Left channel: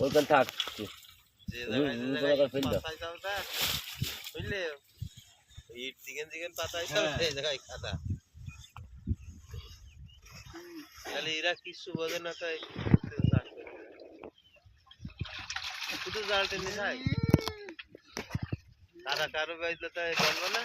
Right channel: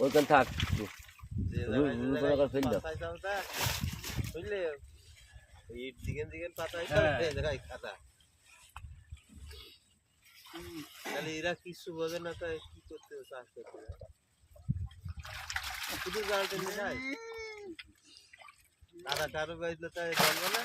ওইখান থাক। যে রু- জায়গায় যে রু- জায়গায় রু- ফেল দাও। পাতাইছে ওটা, বুঝলে? ইট দিকেন দিকেন পাতাইছে হ্যাঁ। তাহলে এরা কিছু বোঝে না তাই। শুধু জালটা নিয়ে যাই কাদা টারো বাইলে তো জানবে না